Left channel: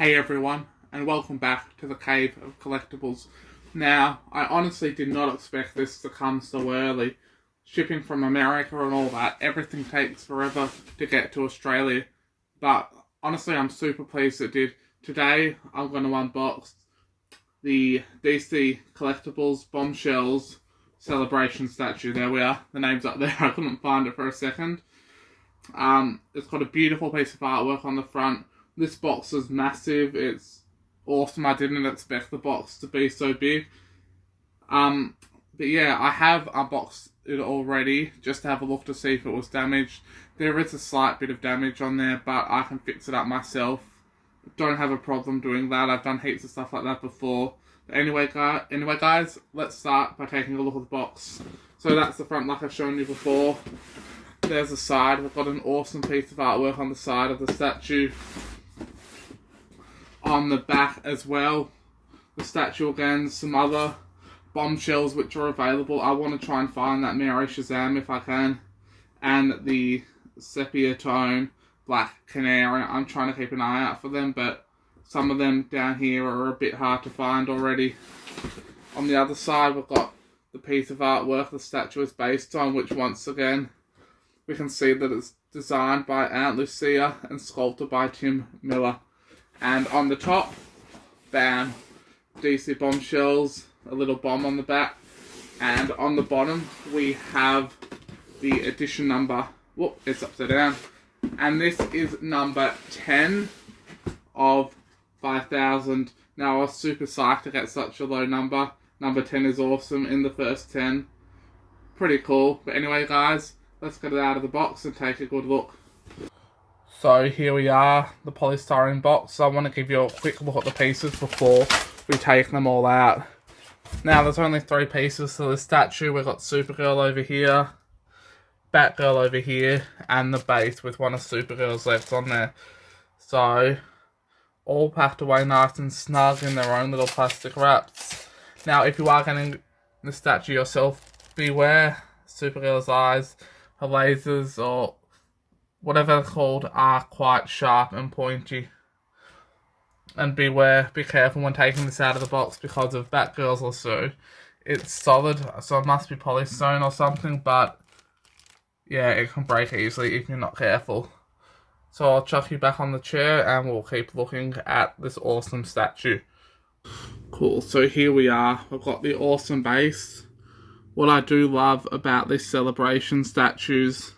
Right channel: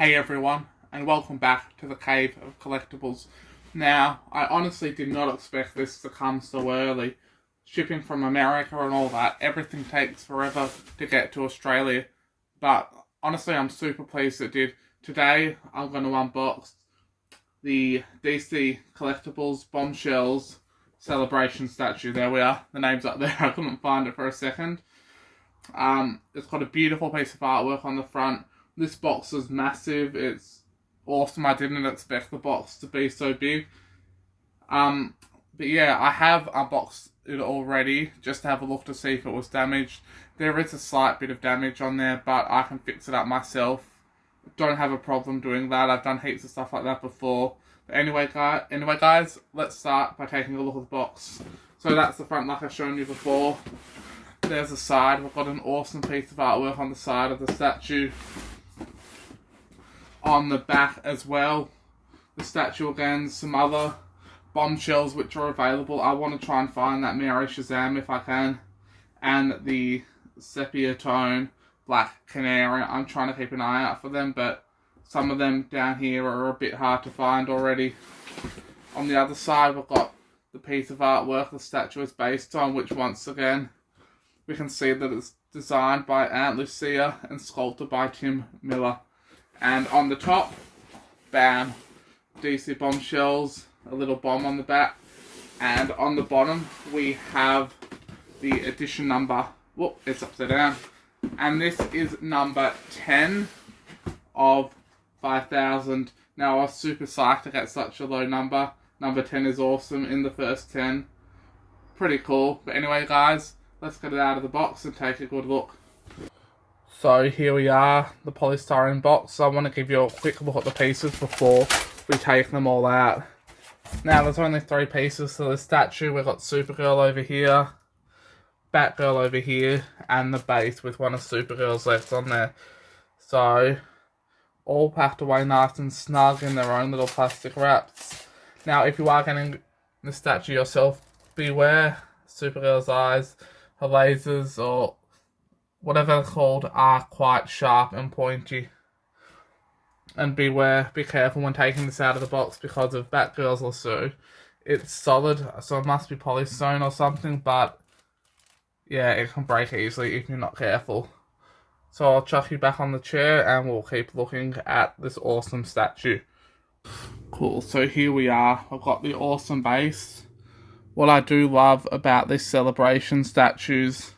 Hey everyone, and welcome back to the Cave of Collectibles. Now, I honestly did not expect this to come so early. Shipping from America and all that, everything takes forever to get to Australia. But honestly, I'm super pleased it did. Today, I'm going to unbox the DC Collectibles Bombshells Celebrations Statue. There we are. The name's up there. I couldn't find it for a second. It's got a beautiful piece of artwork on the front. This box is massive. It's awesome. I didn't expect the box to be so big. But yeah, I have unboxed it already just to have a look to see if it was damaged. There is a slight bit of damage on there, but I can fix it up myself. Don't have a problem doing that. I've done heaps of stuff like that before. But anyway, guys, let's start by taking a look at the box. So that's the front like I've shown you before. There's the side. We've got an awesome piece of artwork on the side of the statue. On the back as well, the statue again, some other bombshells which are available. I want to try and find that Mary Shazam if I can, and the sepia tone black canary. I'm trying to keep an eye out for them, but some of them down here are a bit hard to find already. On the other side, we've got the piece of artwork the statue is based on, which once again we can see that it's designed by Aunt Lucia and sculpted by Tim Miller. And on the top, bam, DC Bombshells, a little bomb on the back. And on the bottom, we have the edition number. Whoop, it's upside down. And this is number 10 of 5,000. Now, I was super psyched to get such a low number. Number 10 is awesome in the first 10. Pretty cool. But anyway, guys, let's get it out of the box and take a good look. So here we are, the polystyrene box. I want to give you a quick look at the pieces before we take them all out. Now there's only 3 pieces to the statue. We've got Supergirl over here, Batgirl over here, and the base with one of Supergirl's legs on there. So, all packed away nice and snug in their own little plastic wraps. Now if you are getting the statue yourself, beware Supergirl's eyes, her lasers, or whatever they're called, are quite sharp and pointy. And be careful when taking this out of the box because of Batgirl's lasso. It's solid, so it must be polystone or something, but yeah, it can break easily if you're not careful. So I'll chuck you back on the chair and we'll keep looking at this awesome statue. Cool, so here we are. I've got the awesome base. What I do love about these celebration statues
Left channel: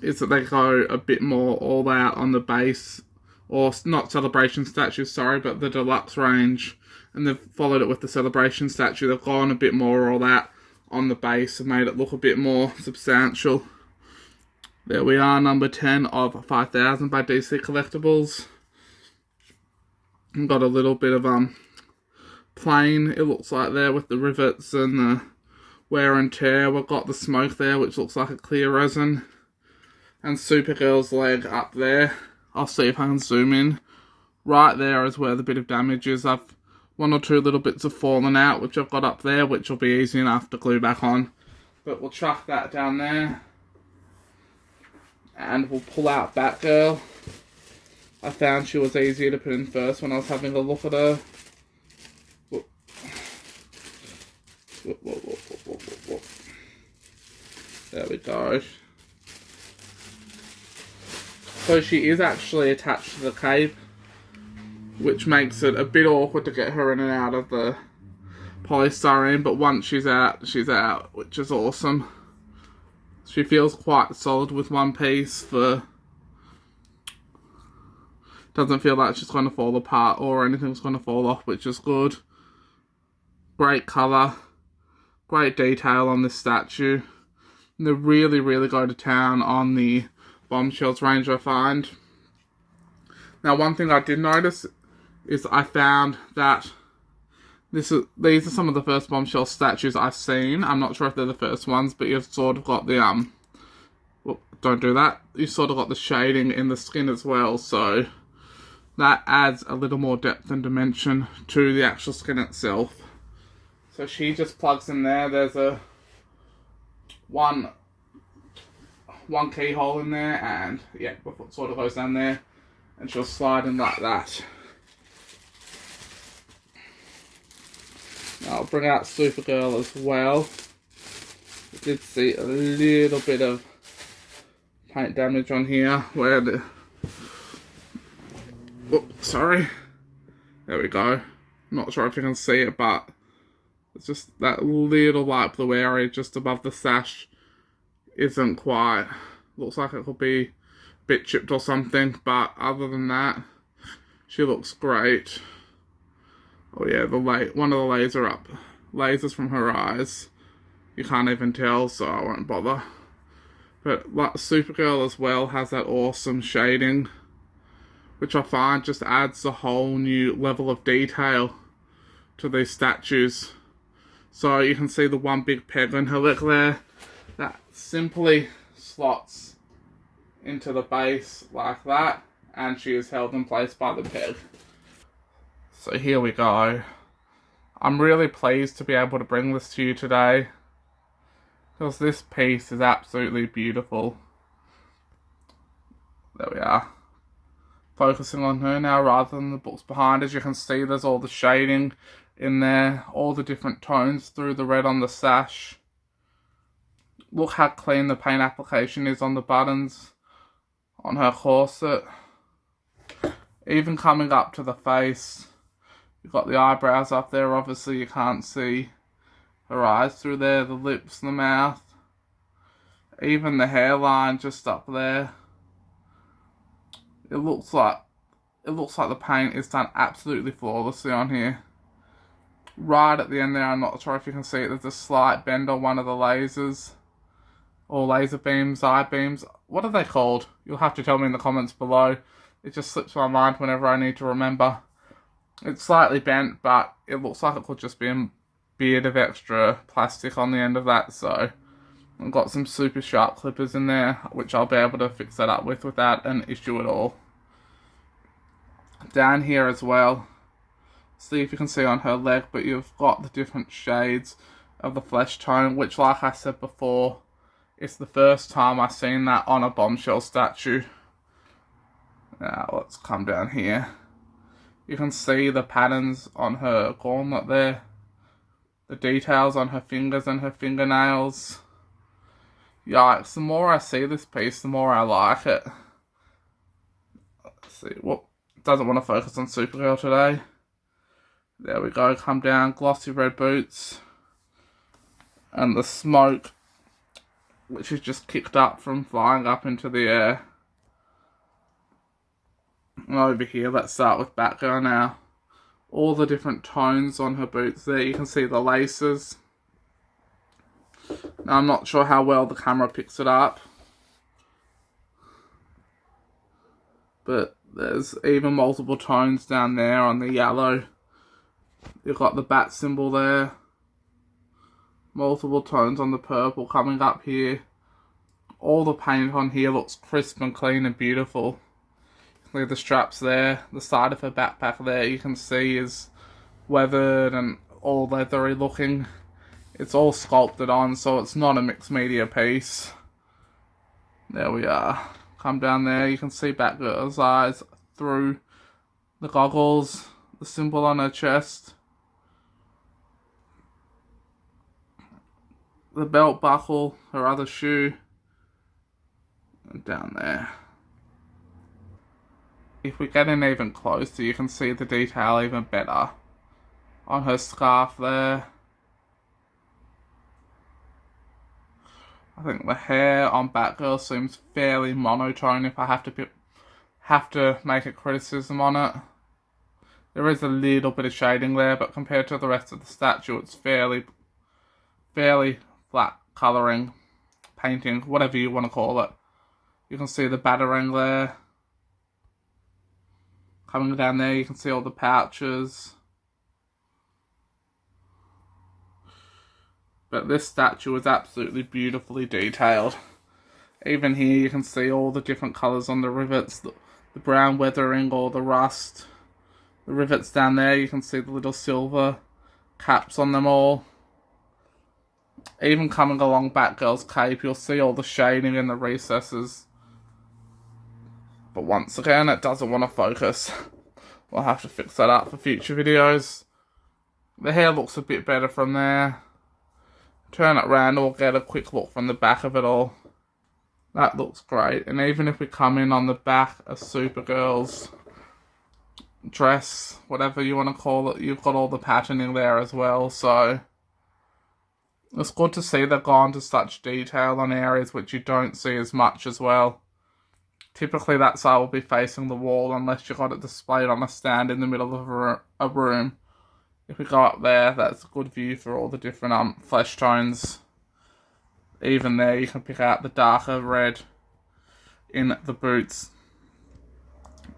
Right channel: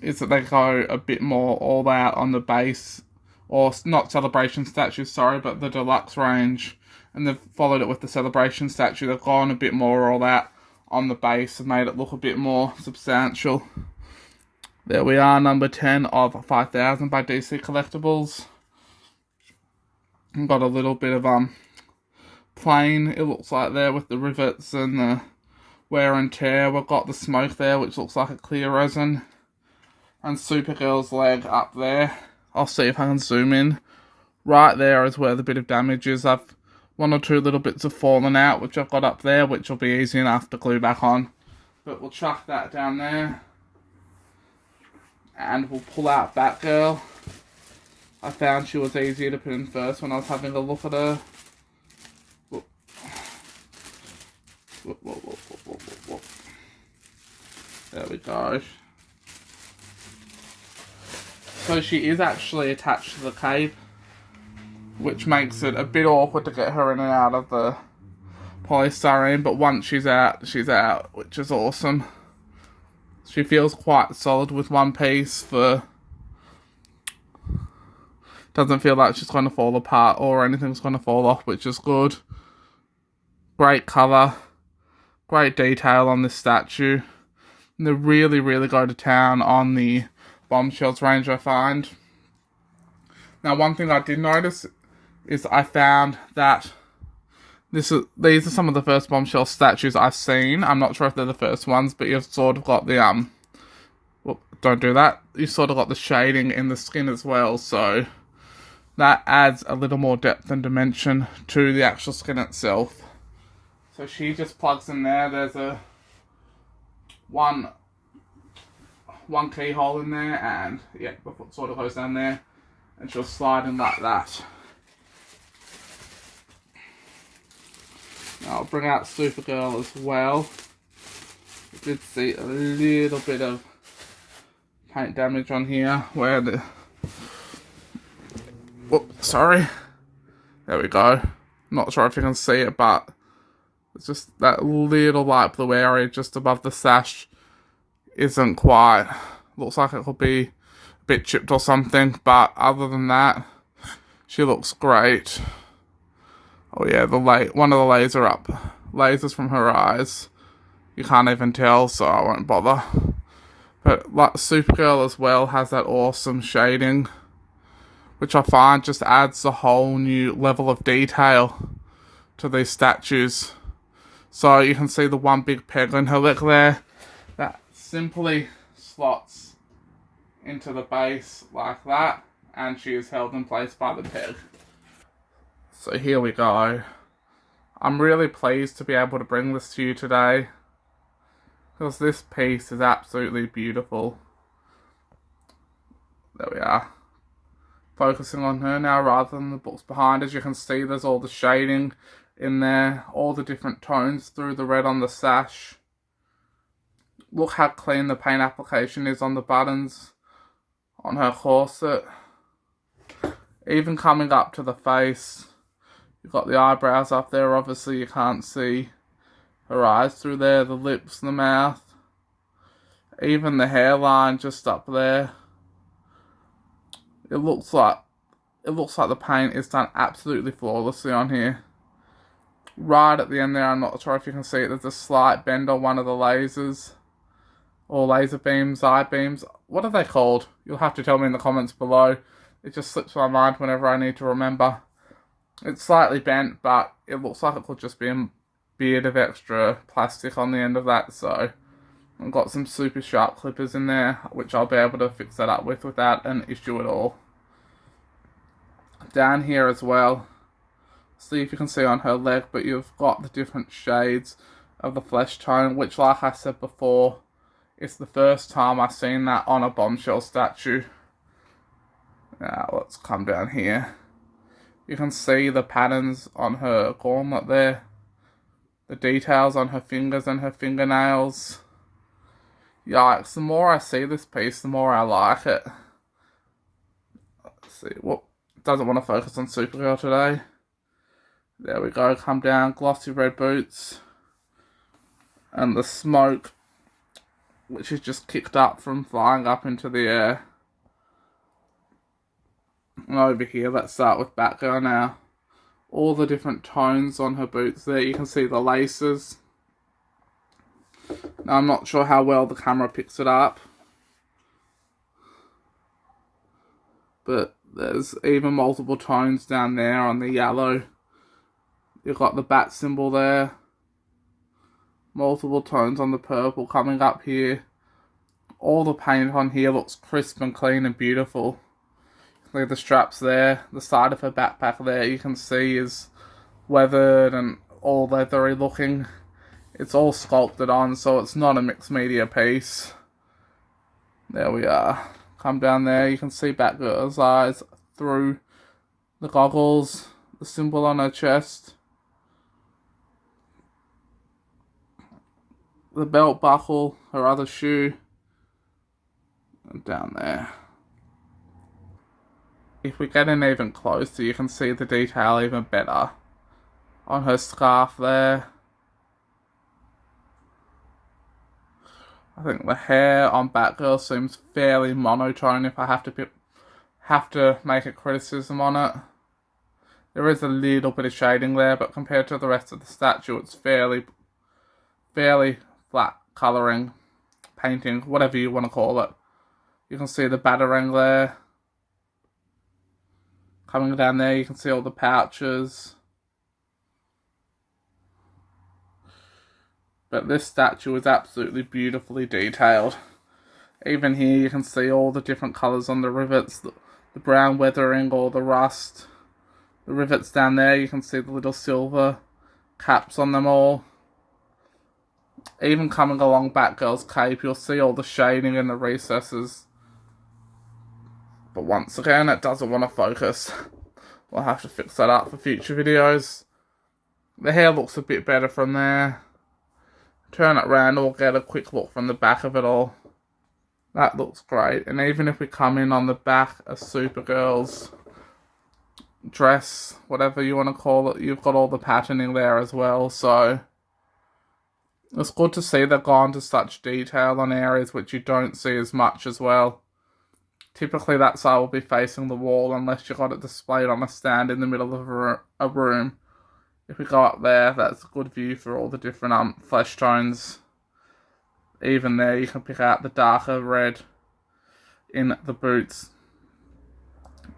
is that they go a bit more all out on the base, or not celebration statues, sorry, but the deluxe range, and they've followed it with the celebration statue. They've gone a bit more all out on the base and made it look a bit more substantial. There we are, number 10 of 5,000 by DC Collectibles. Got a little bit of plain, it looks like there, with the rivets and the wear and tear. We've got the smoke there, which looks like a clear resin. And Supergirl's leg up there. I'll see if I can zoom in. Right there is where the bit of damage is. I've 1 or 2 little bits have fallen out, which I've got up there, which will be easy enough to glue back on. But we'll chuck that down there. And we'll pull out Batgirl. I found she was easier to put in first when I was having a look at her. Whoop. Whoop, whoop, whoop, whoop, whoop, whoop, whoop. There we go. So she is actually attached to the cape, which makes it a bit awkward to get her in and out of the polystyrene, but once she's out, which is awesome. She feels quite solid with one piece. Doesn't feel like she's going to fall apart or anything's going to fall off, which is good. Great colour, great detail on this statue. And they really, really go to town on the Bombshells range, I find. Now, one thing I did notice is I found that these are some of the first Bombshell statues I've seen. I'm not sure if they're the first ones, but you've sort of got the well, don't do that. You've sort of got the shading in the skin as well, so that adds a little more depth and dimension to the actual skin itself. So she just plugs in there. There's a one keyhole in there, and yeah, the foot sort of goes down there, and she'll slide in like that. I'll bring out Supergirl as well. I did see a little bit of paint damage on here where the... Oh, sorry. There we go. Not sure if you can see it, but it's just that little light blue area just above the sash isn't quite... Looks like it could be a bit chipped or something, but other than that, she looks great. Oh yeah, one of the lasers from her eyes. You can't even tell, so I won't bother. But like Supergirl as well has that awesome shading, which I find just adds a whole new level of detail to these statues. So you can see the one big peg on her leg there that simply slots into the base like that, and she is held in place by the peg. So here we go. I'm really pleased to be able to bring this to you today, because this piece is absolutely beautiful. There we are. Focusing on her now rather than the books behind. As you can see, there's all the shading in there, all the different tones through the red on the sash. Look how clean the paint application is on the buttons, on her corset. Even coming up to the face, you've got the eyebrows up there. Obviously you can't see her eyes through there, the lips and the mouth. Even the hairline just up there. It looks like the paint is done absolutely flawlessly on here. Right at the end there, I'm not sure if you can see it, there's a slight bend on one of the lasers. Or laser beams, eye beams. What are they called? You'll have to tell me in the comments below. It just slips my mind whenever I need to remember. It's slightly bent, but it looks like it could just be a bit of extra plastic on the end of that, so I've got some super sharp clippers in there, which I'll be able to fix that up with without an issue at all. Down here as well, see if you can see on her leg, but you've got the different shades of the flesh tone, which, like I said before, it's the first time I've seen that on a bombshell statue. Now let's come down here. You can see the patterns on her gauntlet there, the details on her fingers and her fingernails. Yikes, the more I see this piece, the more I like it. Let's see, whoop, doesn't want to focus on Supergirl today. There we go, come down, glossy red boots. And the smoke, which is just kicked up from flying up into the air. And over here, let's start with Batgirl now. All the different tones on her boots there, you can see the laces. Now, I'm not sure how well the camera picks it up, but there's even multiple tones down there on the yellow. You've got the bat symbol there. Multiple tones on the purple coming up here. All the paint on here looks crisp and clean and beautiful. Look at the straps there. The side of her backpack there you can see is weathered and all leathery looking. It's all sculpted on, so it's not a mixed media piece. There we are. Come down there, you can see Batgirl's eyes through the goggles, the symbol on her chest. The belt buckle, her other shoe, and down there. If we get in even closer, you can see the detail even better on her scarf there. I think the hair on Batgirl seems fairly monotone if I have to make a criticism on it. There is a little bit of shading there, but compared to the rest of the statue, it's fairly flat colouring, painting, whatever you want to call it. You can see the batarang there. Coming down there, you can see all the pouches. But this statue is absolutely beautifully detailed. Even here, you can see all the different colours on the rivets, the brown weathering or the rust. The rivets down there, you can see the little silver caps on them all. Even coming along Batgirl's cape, you'll see all the shading in the recesses. But once again, it doesn't want to focus. We'll have to fix that up for future videos. The hair looks a bit better from there. Turn it around and we'll get a quick look from the back of it all. That looks great. And even if we come in on the back of Supergirl's dress, whatever you want to call it, you've got all the patterning there as well. So it's good to see they've gone to such detail on areas which you don't see as much as well. Typically that side will be facing the wall unless you got it displayed on a stand in the middle of a room. If we go up there, that's a good view for all the different flesh tones. Even there you can pick out the darker red in the boots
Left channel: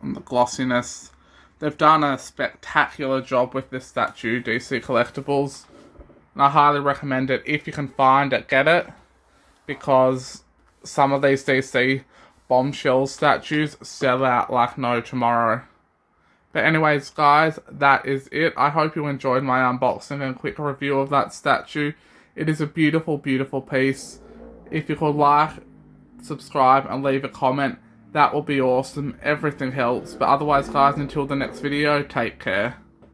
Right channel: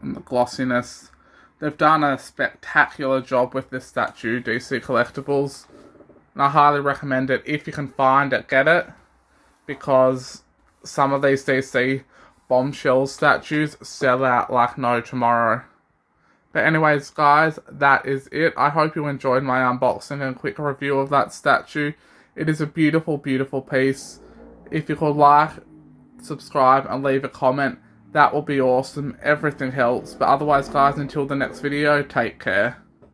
and the glossiness. They've done a spectacular job with this statue, DC Collectibles. And I highly recommend it. If you can find it, get it. Because some of these DC Bombshells statues sell out like no tomorrow. But anyways, guys, that is it. I hope you enjoyed my unboxing and quick review of that statue. It is a beautiful, beautiful piece. If you could like, subscribe, and leave a comment, that will be awesome. Everything helps. But otherwise, guys, until the next video, take care.